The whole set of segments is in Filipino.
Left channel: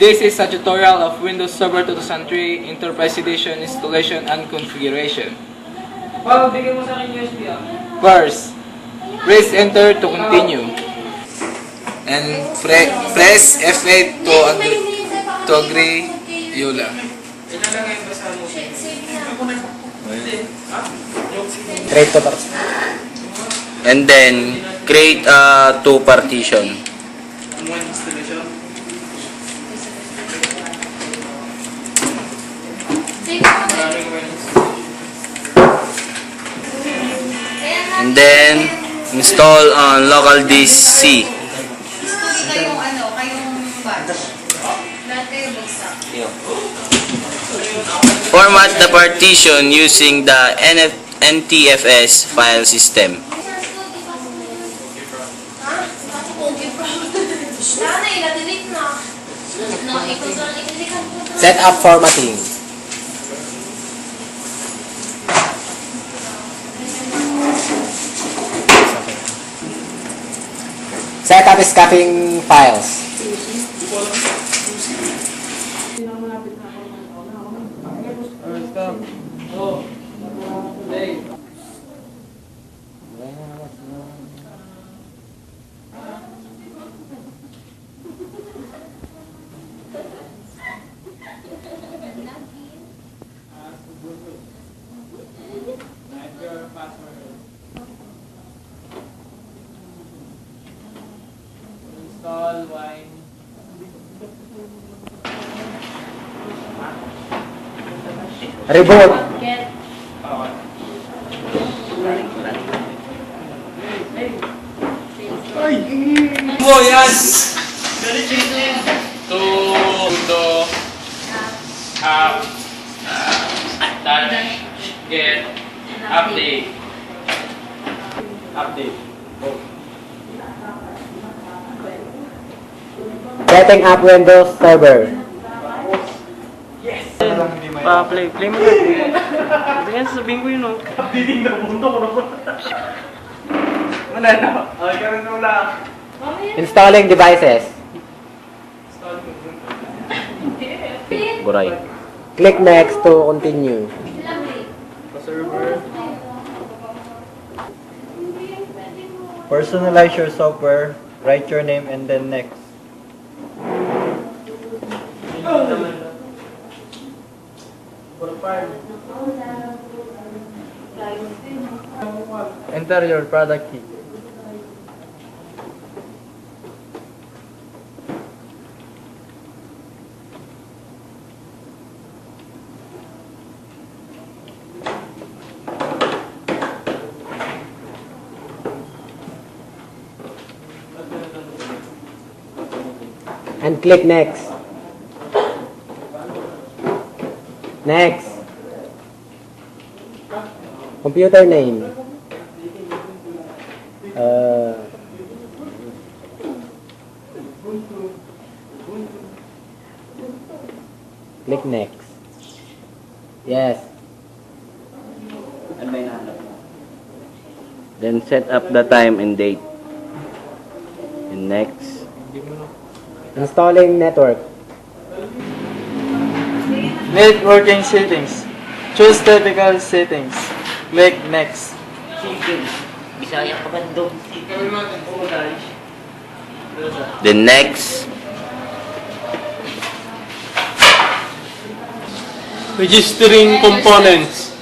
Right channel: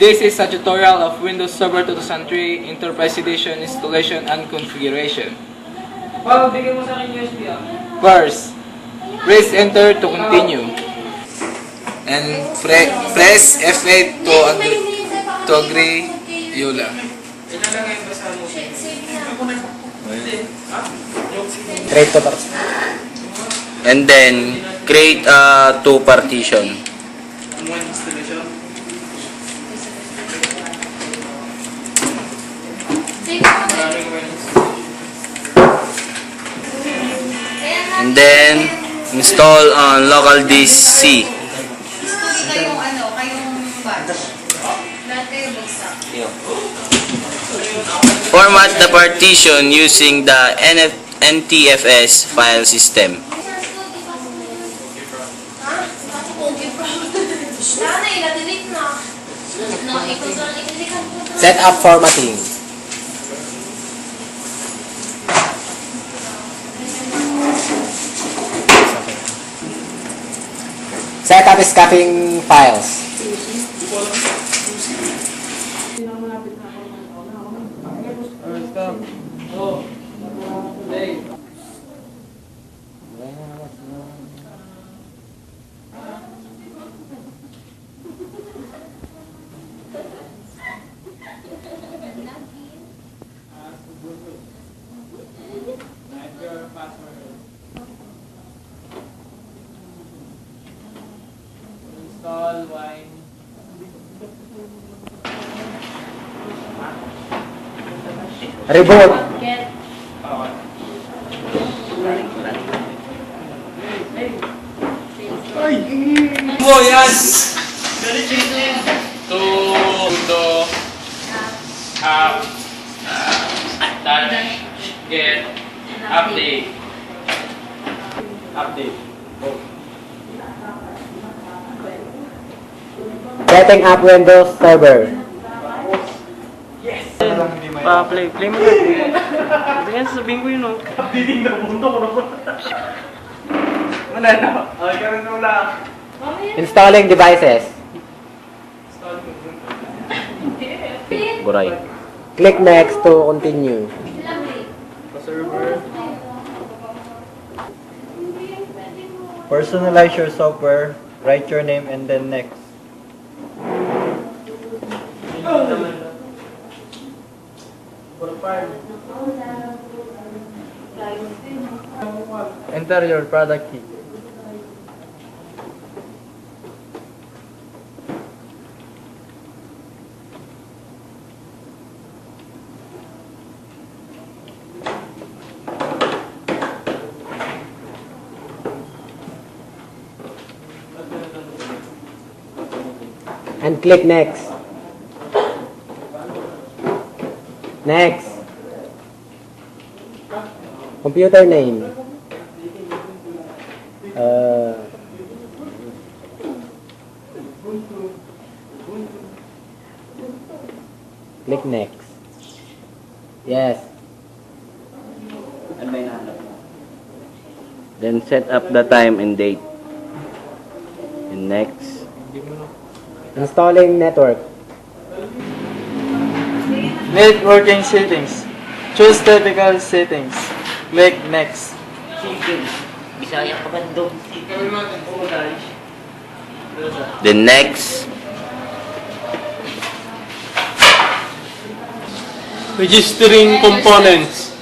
This is a tutorial of Windows Server 2003 Enterprise Edition installation and configuration. Bigyan mo sa akin USB First, press enter to continue. And press F8 to agree Yola. Create to partition. And then create two partition. And then install on local disk C. Kayong batch. Lahat kayo bagsak. Format the partition using the NTFS file system. Set up formatting. Set up escaping files. Install wine. Reboot. Oh, yan! To touch, get, update. Setting up Windows Server. Play mo na. Ganyan sasabihin ko yun, Biling na mundo ko naman. Wala na. Okay, karoon mo lang. Installing devices. Buray. Click next to continue. Personalize your software, write your name, and then next. Enter your product key. And click next. Next. Computer name. Click next. Yes. Then set up the time and date. And next. Installing network. Networking settings. Choose typical settings. Click next. Bisaya ka ba doon? Then next. Registering components.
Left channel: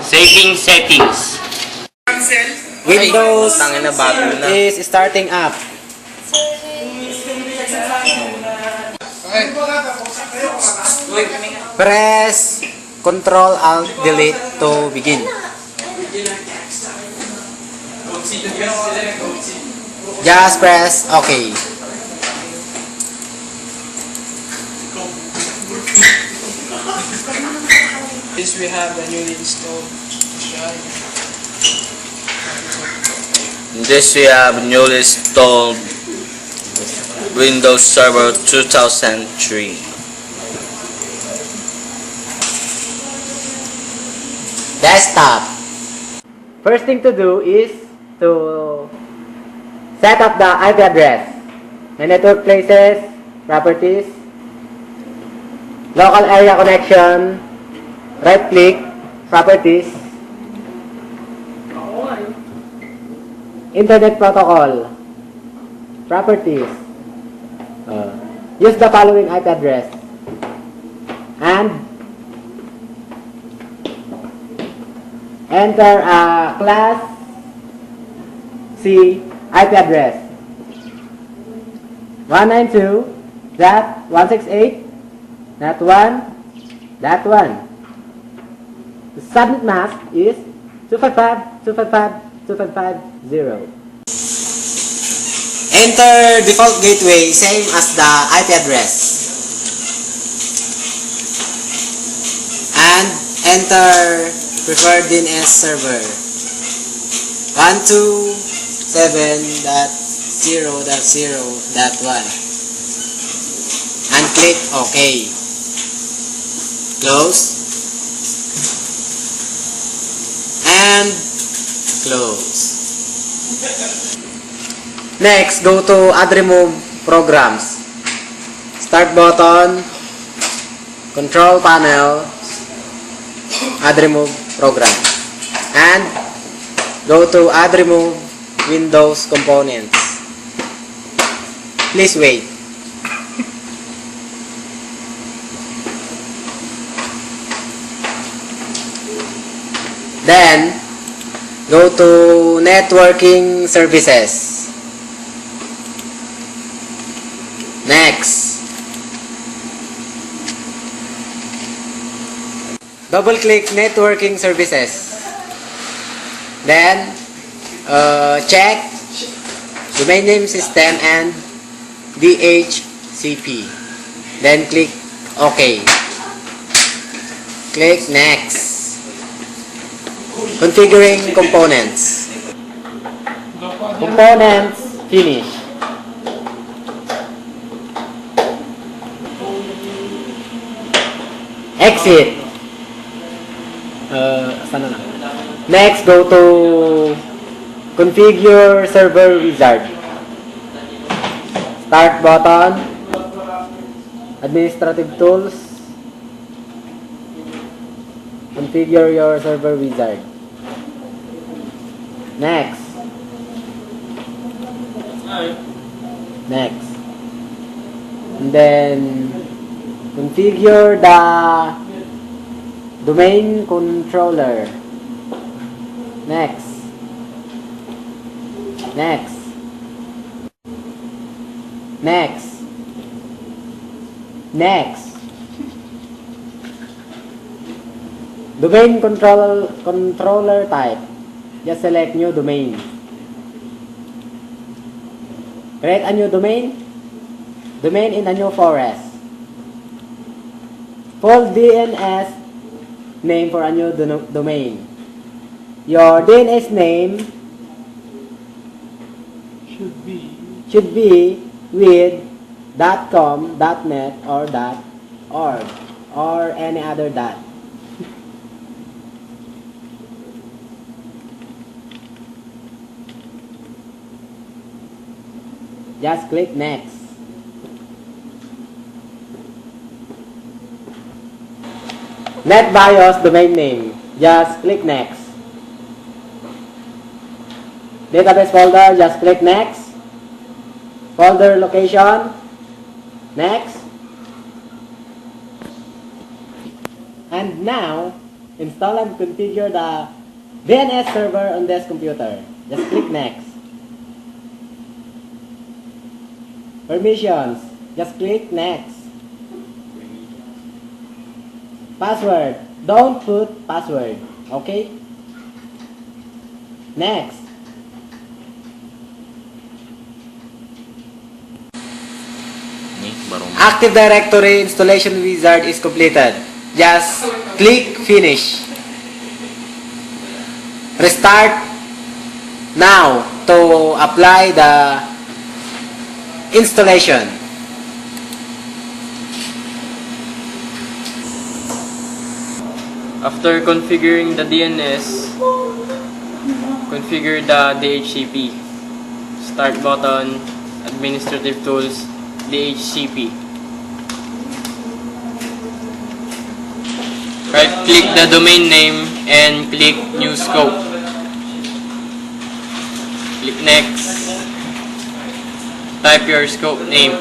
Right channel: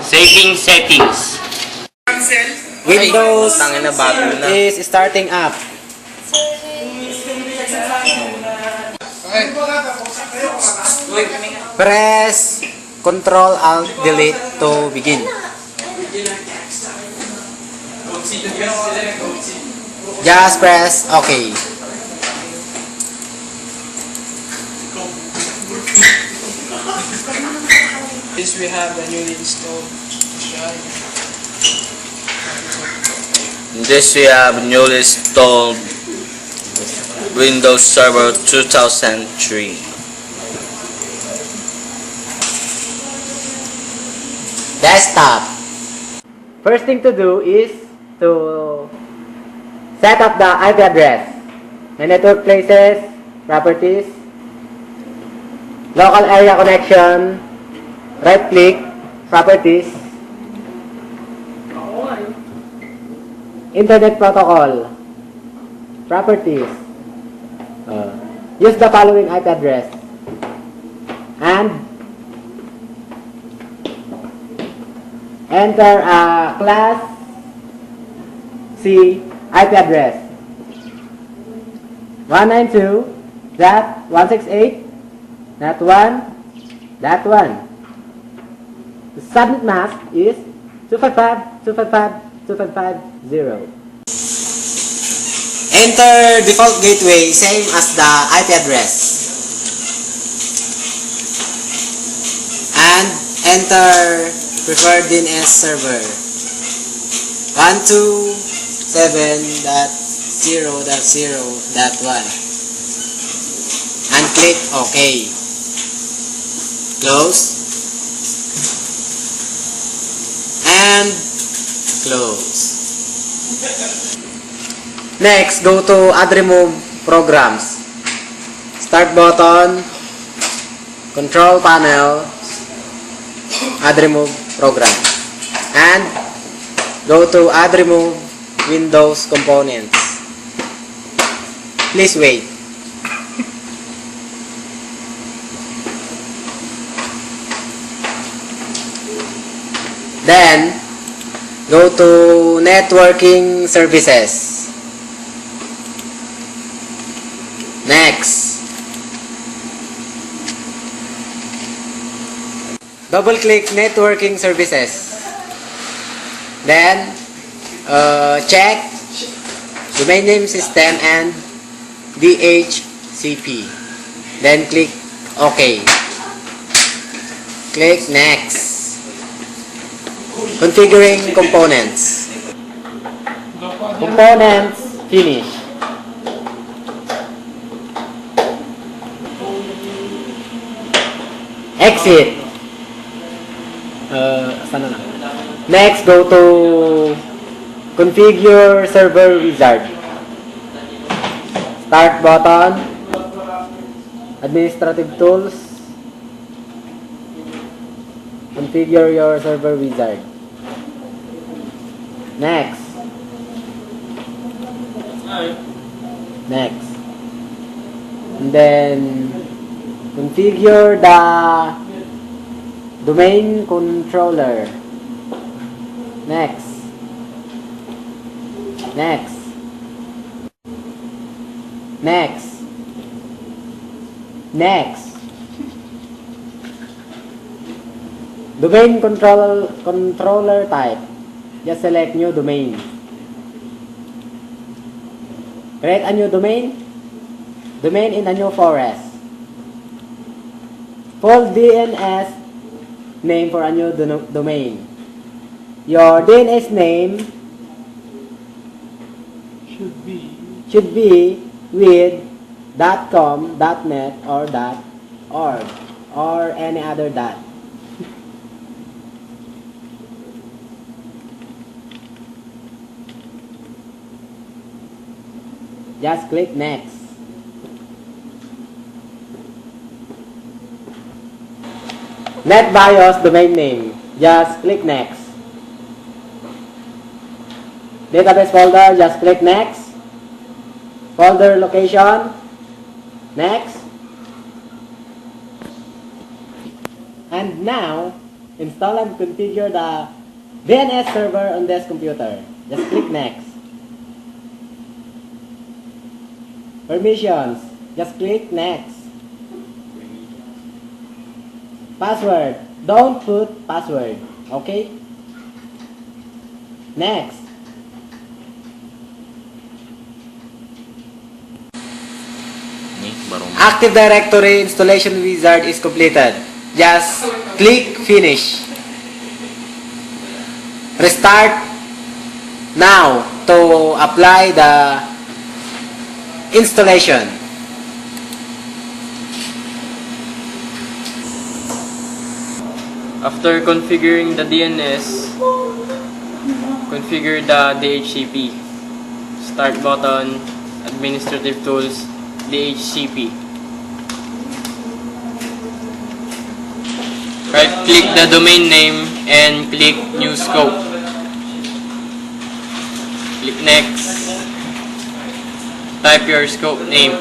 Saving settings. Windows is starting up. Press Ctrl Alt Delete to begin. Just press OK. This we have a newly installed This we have newly installed Windows Server 2003. Desktop. First thing to do is to set up the IP address. My network places, properties, local area connection, right click, properties, internet protocol, properties. Use the following IP address and enter a class C IP address 192.168.1.1. The subnet mask is 255.255.255.0. Enter default gateway, same as the IP address. And enter preferred DNS server 127.0.0.1 and click OK. Close and close. Next, go to Add Remove Programs. Start button, Control Panel, Add Remove Program. And go to Add Remove Windows Components. Please wait. Then, go to Networking Services. Next. Double-click Networking Services. Then, check Domain Name System and DHCP. Then, click OK. Click Next. Configuring components. Components, finish. Exit. Sana na. Next, go to Configure Server Wizard. Start button. Administrative Tools. Configure your server wizard. Next. Next. And then configure the domain controller. Next. Next. Next. Next. Domain controller type. Just select new domain. Create a new domain. Domain in a new forest. Full DNS name for a new domain. Your DNS name should be with .com, .net or .org or any other dot. Just click Next. NetBIOS domain name. Just click Next. Database folder. Just click Next. Folder location. Next. And now, install and configure the DNS server on this computer. Just click Next. Permissions. Just click Next. Password. Don't put password. Okay? Next. Active Directory installation wizard is completed. Just click Finish. Restart now to apply the installation. After configuring the DNS, Configure the DHCP. Start button, administrative tools, DHCP. Right-click the domain name and click New Scope. Click Next. Type your scope name.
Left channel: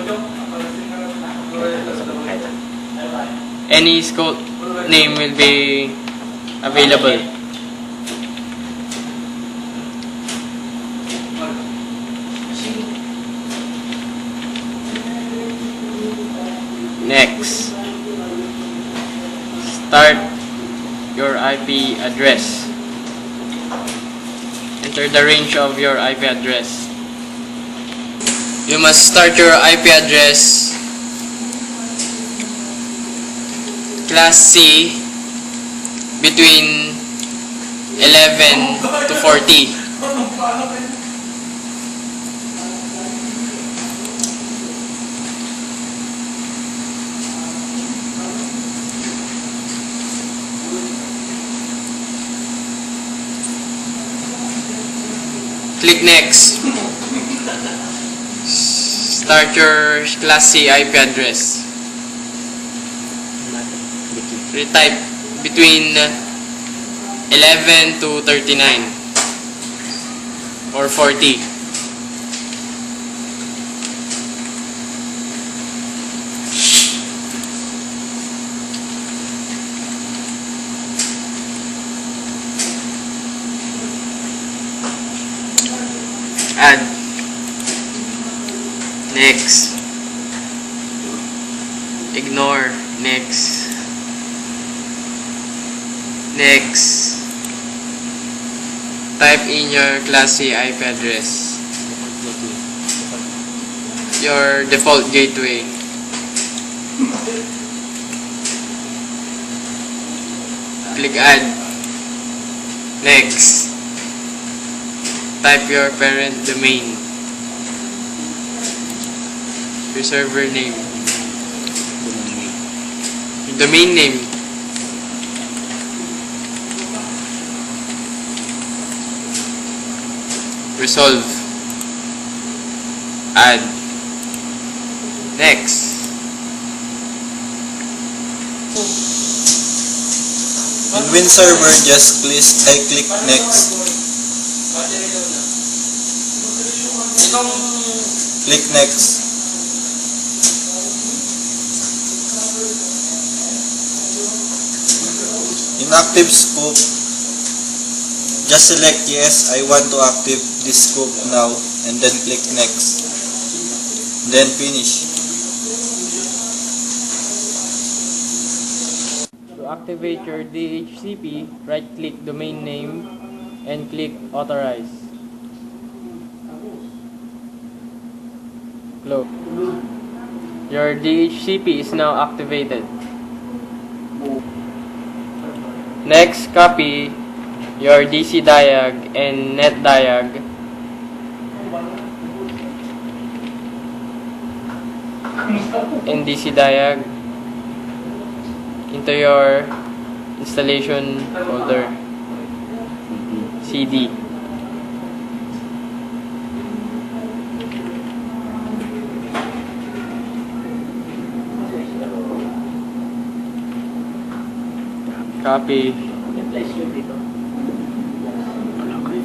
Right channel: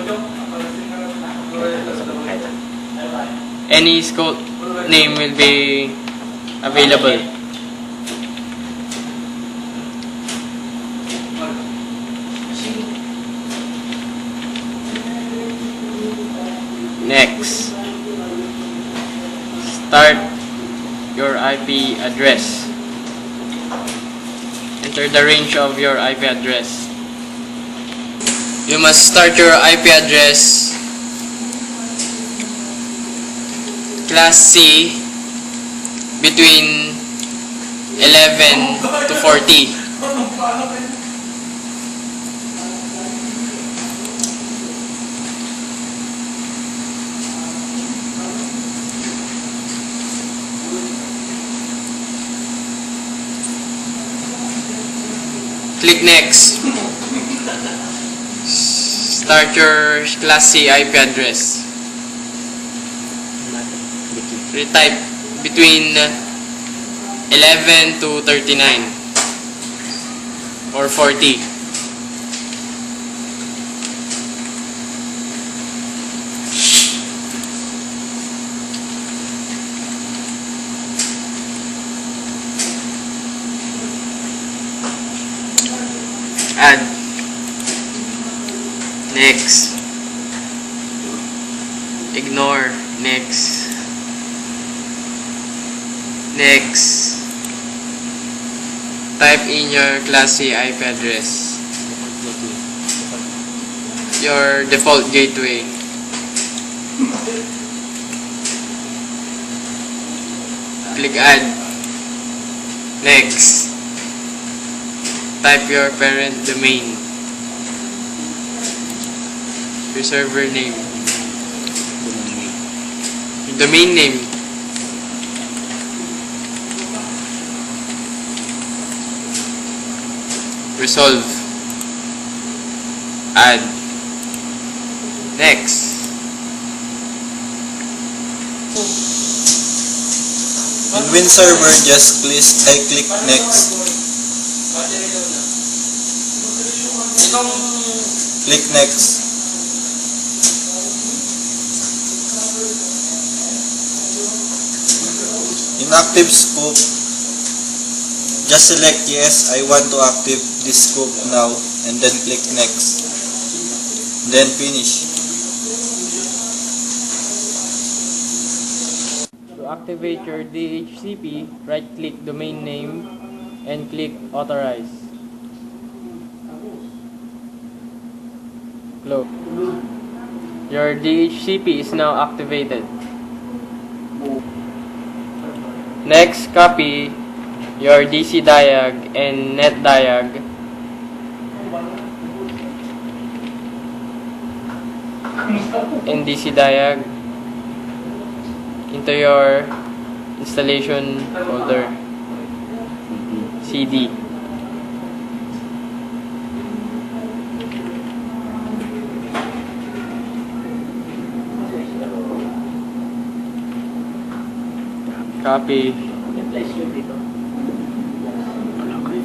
Any scope name will be available. Next, start your IP address. Enter the range of your IP address. You must start your IP address Class C between 11 to 40. Click Next. Start your Class C IP address. Retype between 11 to 39 or 40. Add. Next. Ignore. Next. Next. Type in your Class C IP address. Your default gateway. Click Add. Next. Type your parent domain. Your server name. Your domain name. Resolve. Add. Next. In WinServer, just click Next. Click Next. In Active Scope, just select yes, I want to active this scope now, and then click Next. Then finish. To activate your DHCP, right-click domain name and click Authorize. Close. Your DHCP is now activated. Next, copy your DC diag and net diag and DC diag into your installation folder CD. Copy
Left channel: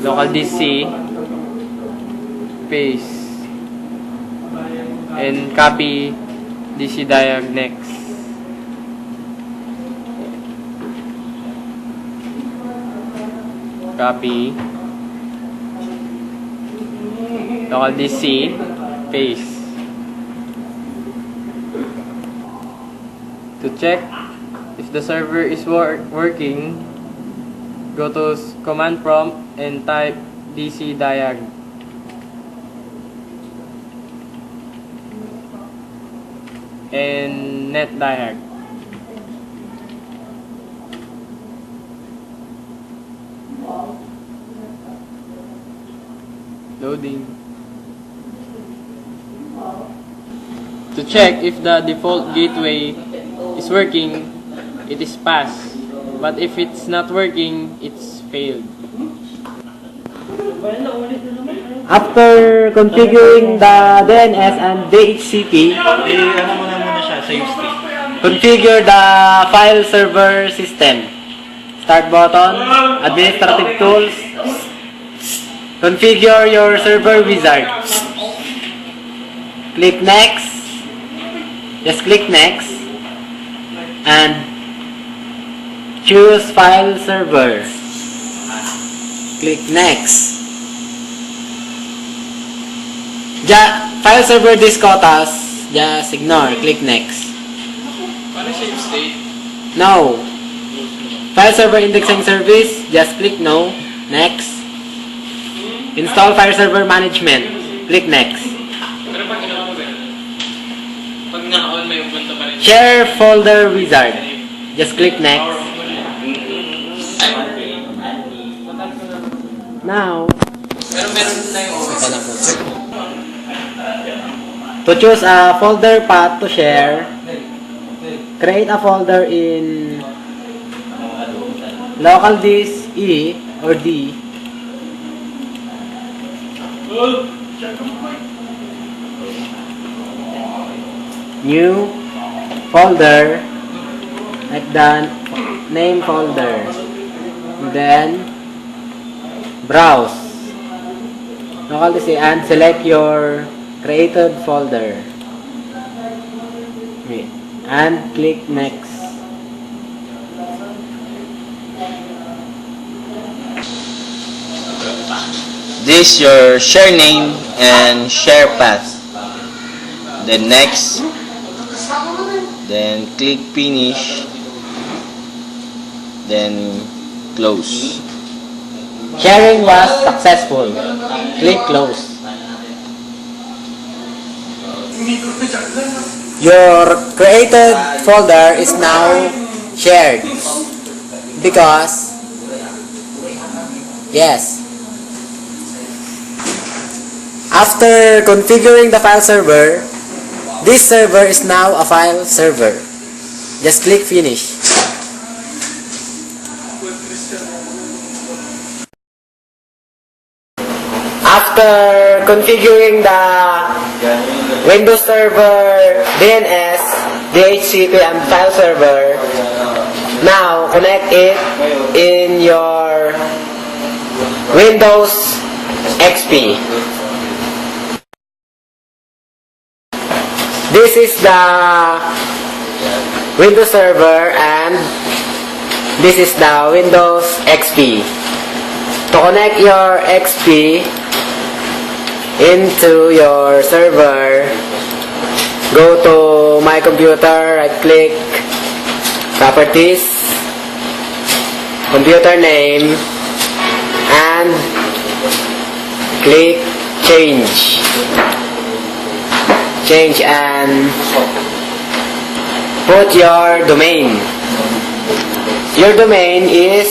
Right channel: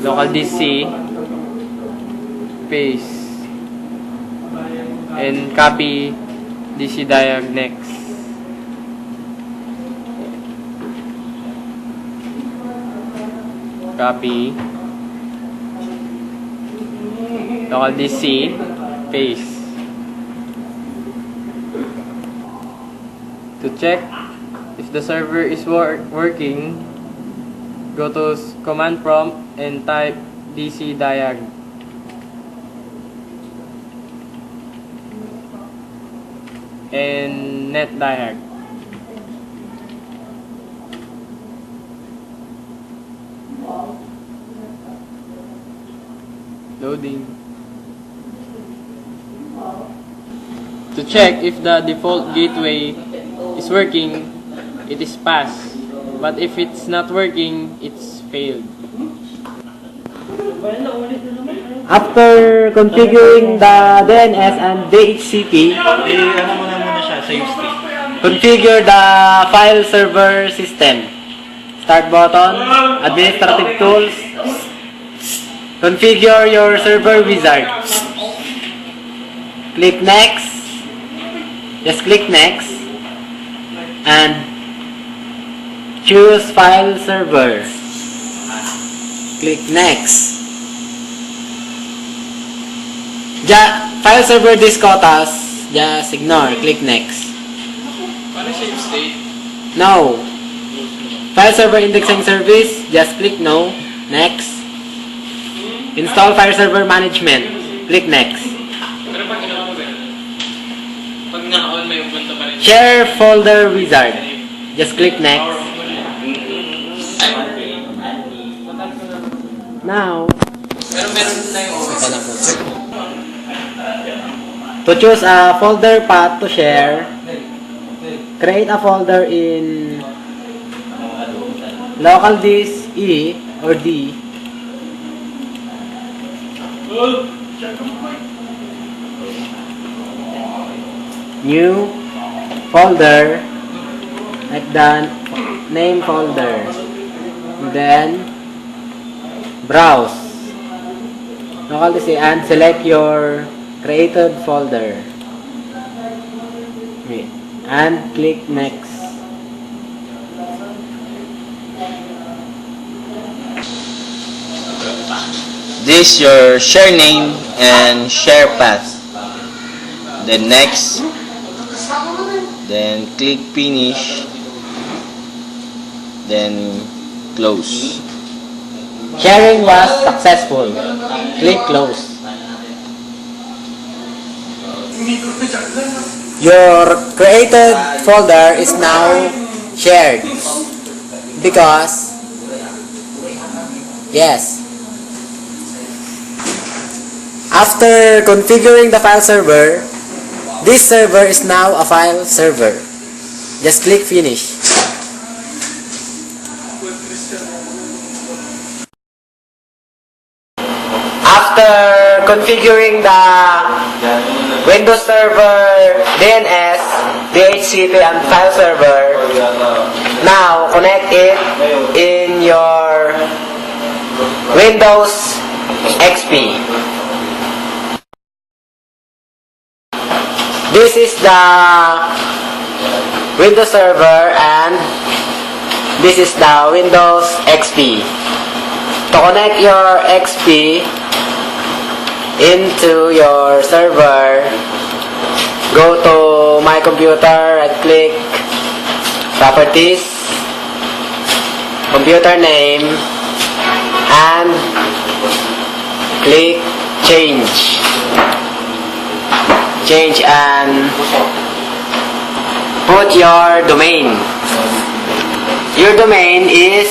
local DC, paste, and copy DC diag next. Copy local DC, paste. To check if the server is working, go to command prompt and type DC diag. And net diag. Loading. To check if the default gateway is working, it is pass. But if it's not working, it's failed. After configuring the DNS and DHCP, Ano mo na muna siya, save state. configure the file server system. Start button, administrative tools, configure your server wizard. Click next. Just click next. And choose file server. Click next. File server discotas, just ignore. Click next. Paano save state? No. File server indexing service, just click no. Next. Install file server management. Click next. Pero pag naka-on may Ubuntu pa rin. Share folder wizard. Just click next. Now, Pero meron na yung to choose a folder path to share, create a folder in local disk E or D. New folder, like the name folder. Then browse local disk and select your created folder. Okay. And click next. This your share name and share path. Then next. Then click finish. Then close. Sharing was successful. Click close. Your created folder is now shared because yes. After configuring the file server, this server is now a file server. Just click finish. After configuring the Windows Server, DNS, DHCP, and file server, now connect it in your Windows XP. This is the Windows Server and this is the Windows XP. To connect your XP into your server, go to My Computer, right click, Properties, Computer Name, and click Change. Change and put your domain. Your domain is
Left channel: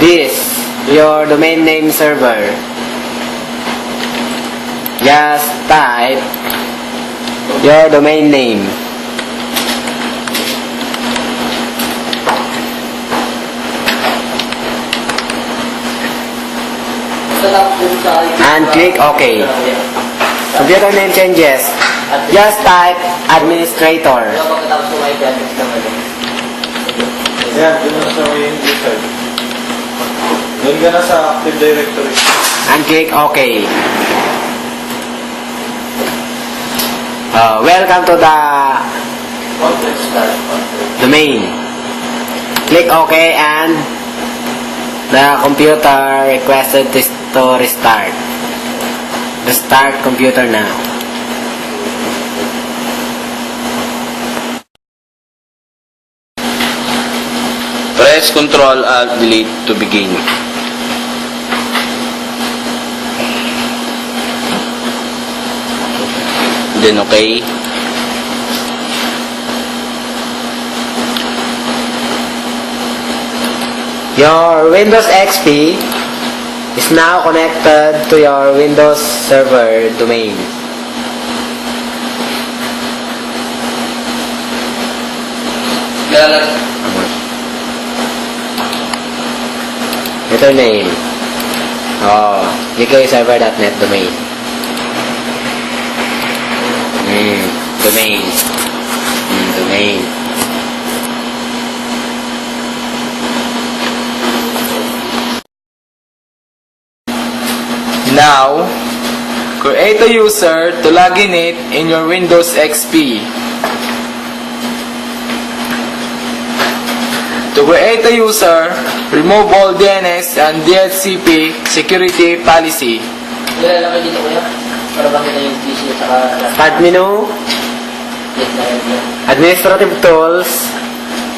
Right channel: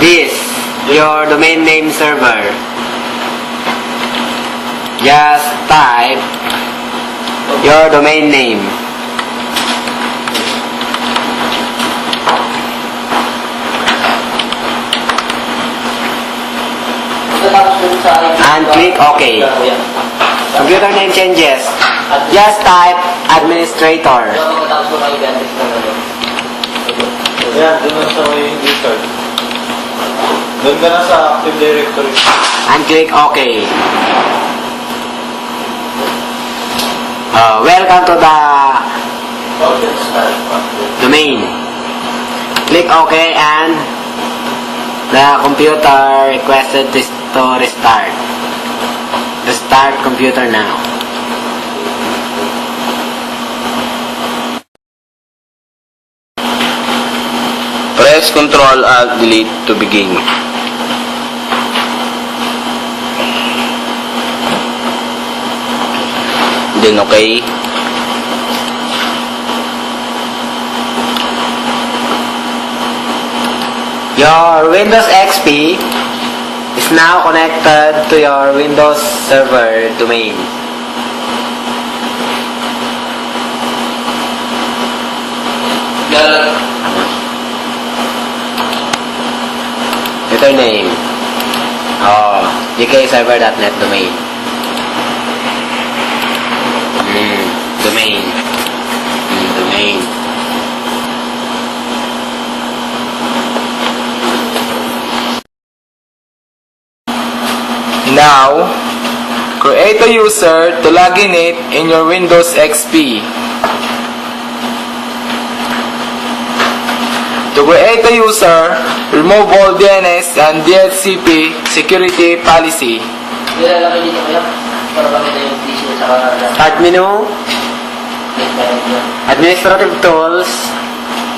this, your domain name server. Just type your domain name. And click OK. Computer name changes. Just type administrator. Yan, yun sa may wizard. Doon ka na sa Active Directory. And click OK. Welcome to the domain. Click OK and the computer requested to restart. Restart computer now. Press Ctrl Alt Delete to begin. Then okay. Your Windows XP is now connected to your Windows Server domain. Computer name. gkaserver.net domain. Domain. Domain. Now, create a user to log in it in your Windows XP. To create a user, remove all DNS and DHCP security policy. Start menu, administrative tools,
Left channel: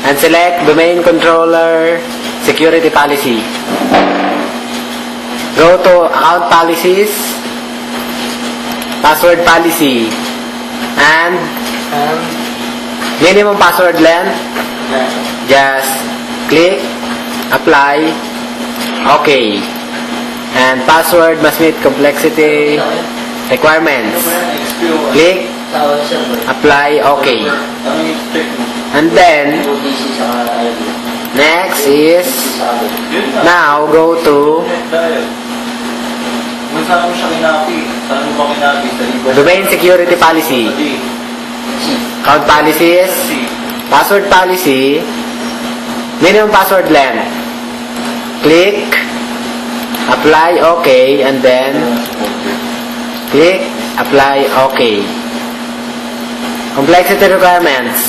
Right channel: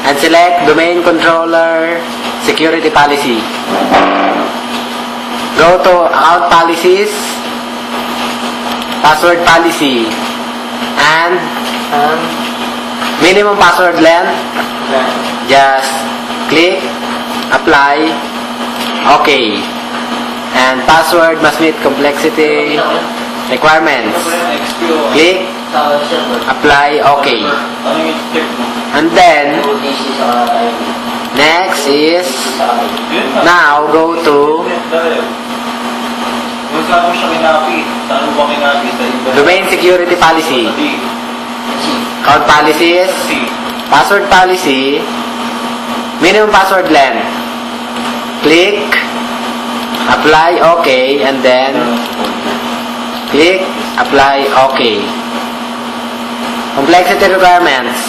and select domain controller security policy. Go to account policies, password policy, and minimum password length. Just click apply, OK, and password must meet complexity requirements. Click apply, OK, and then next is now go to domain security policy, account policies, password policy, minimum password length. Click apply, OK, and then click apply, OK. Complexity requirements.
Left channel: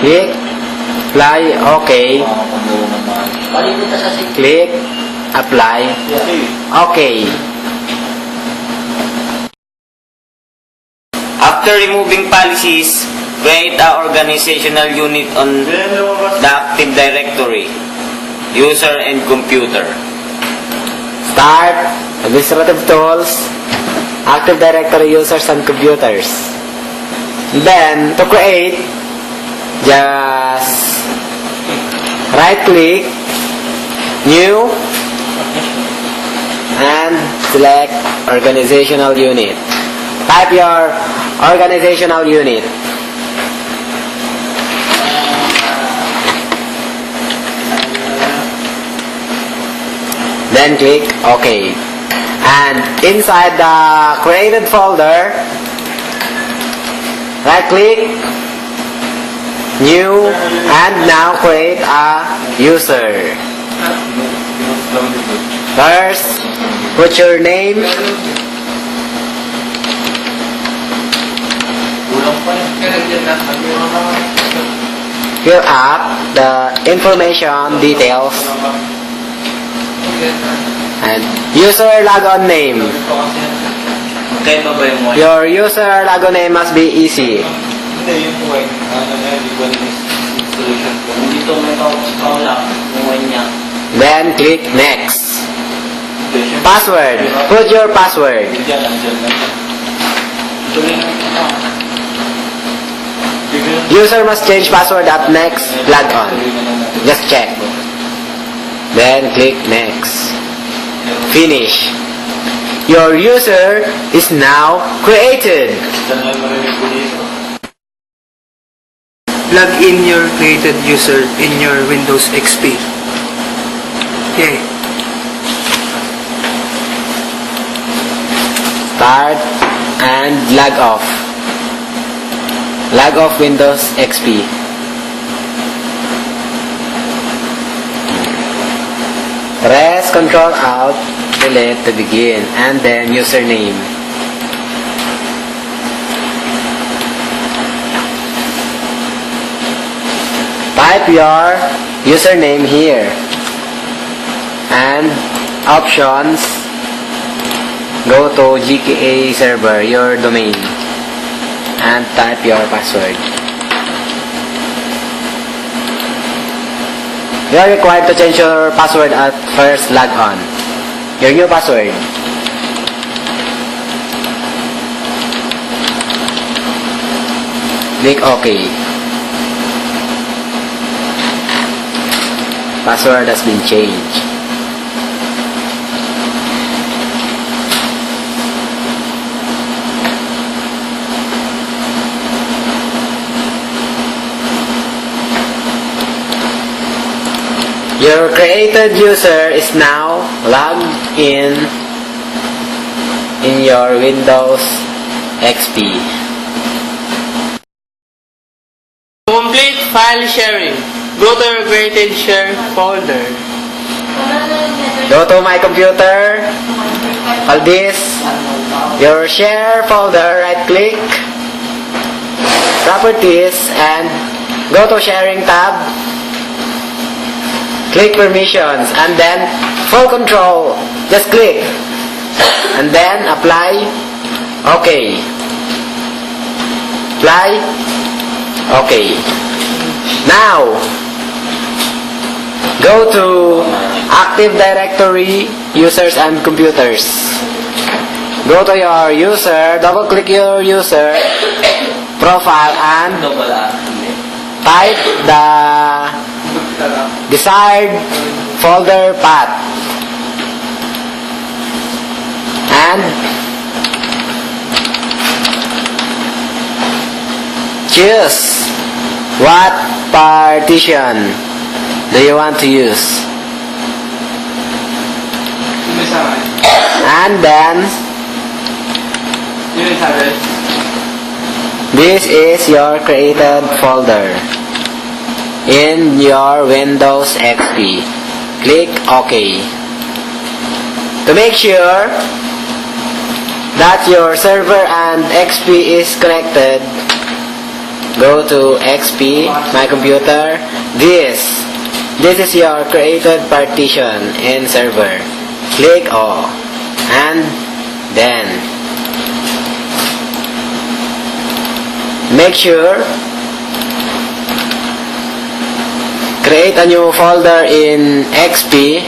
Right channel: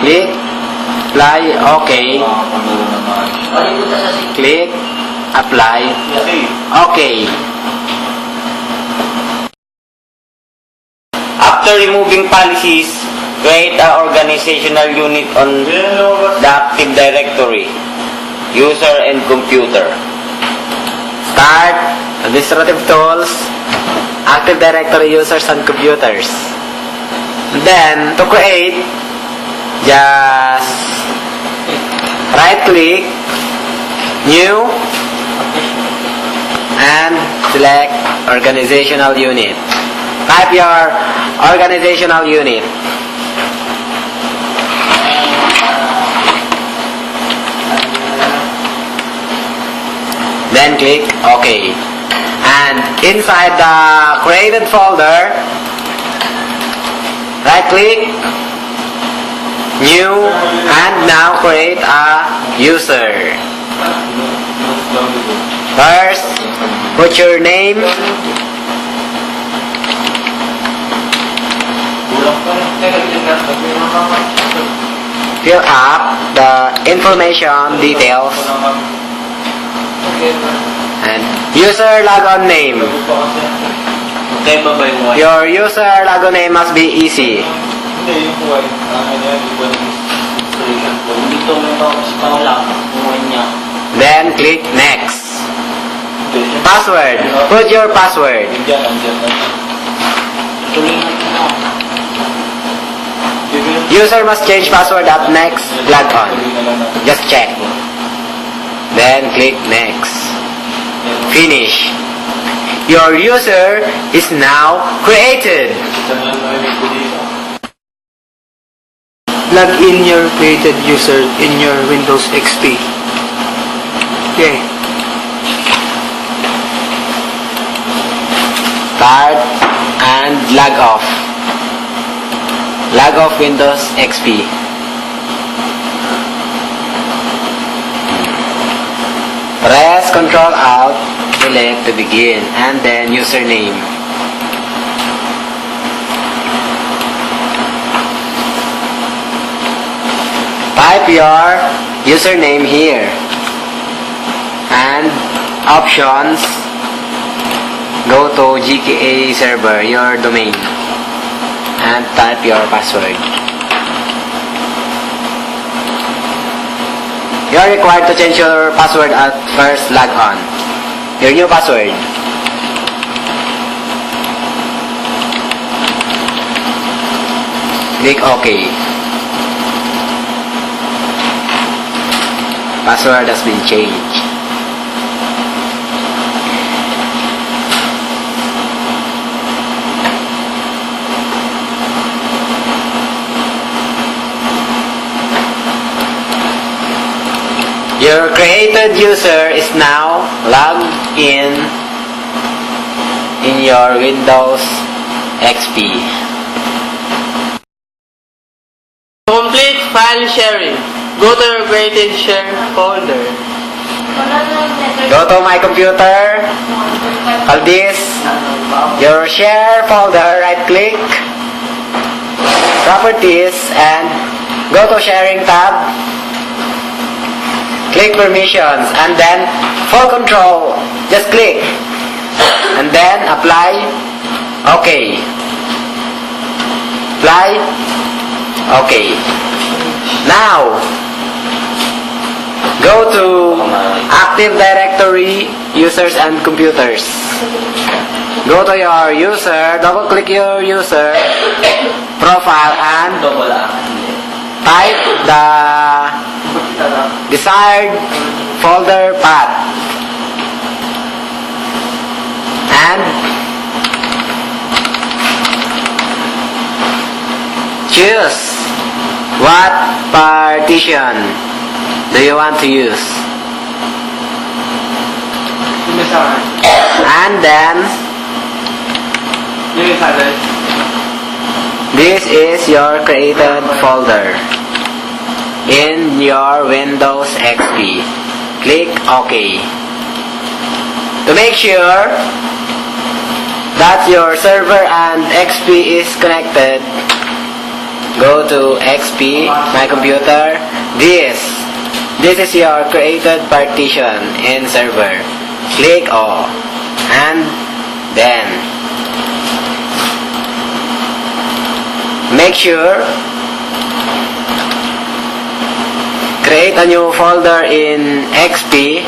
Click apply, OK. Click apply, OK. After removing policies, create an organizational unit on the Active Directory, user and computer. Start administrative tools, Active Directory users and computers. And then to create, just right click, new, and select organizational unit. Type your organizational unit. Then click OK. And inside the created folder, right click, new, and now create a user. First, put your name, fill up the information details, and user logon name. Your user logon name must be easy. Then click next. Password. Put your password. User must change password at next logon. Just check. Then click next. Finish. Your user is now created. Log in your created user in your Windows XP. Okay. Start and log off. Log off Windows XP. Press Ctrl Alt to let to begin, and then username. Type your username here, and options. Go to GKA server, your domain, and type your password. You are required to change your password at first log on. Your new password. Click OK. Password has been changed. Your created user is now logged in your Windows XP. Complete file sharing. Go to your created share folder. Go to my computer. Call this your share folder. Right click, properties, and go to sharing tab. Click permissions and then full control. Just click and then apply. Okay. Apply. Okay. Now go to Active Directory, users and computers. Go to your user, double click your user profile and type the desired folder path and choose what partition do you want to use. And then this is your created folder in your Windows XP. Click OK. To make sure that your server and XP is connected, go to XP, my computer. This is your created partition in server. Click O and then make sure create a new folder in XP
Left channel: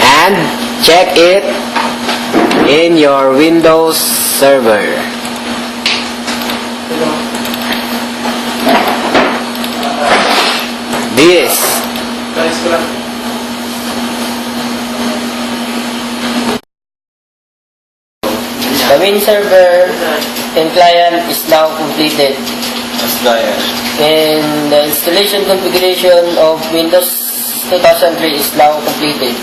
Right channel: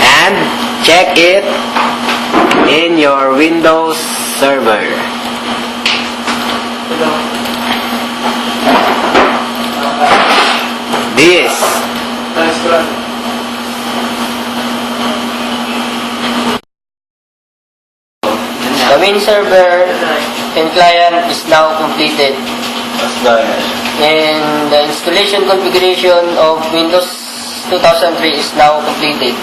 and check it in your Windows server. The Win server and client is now completed. And the installation configuration of Windows 2003 is now completed.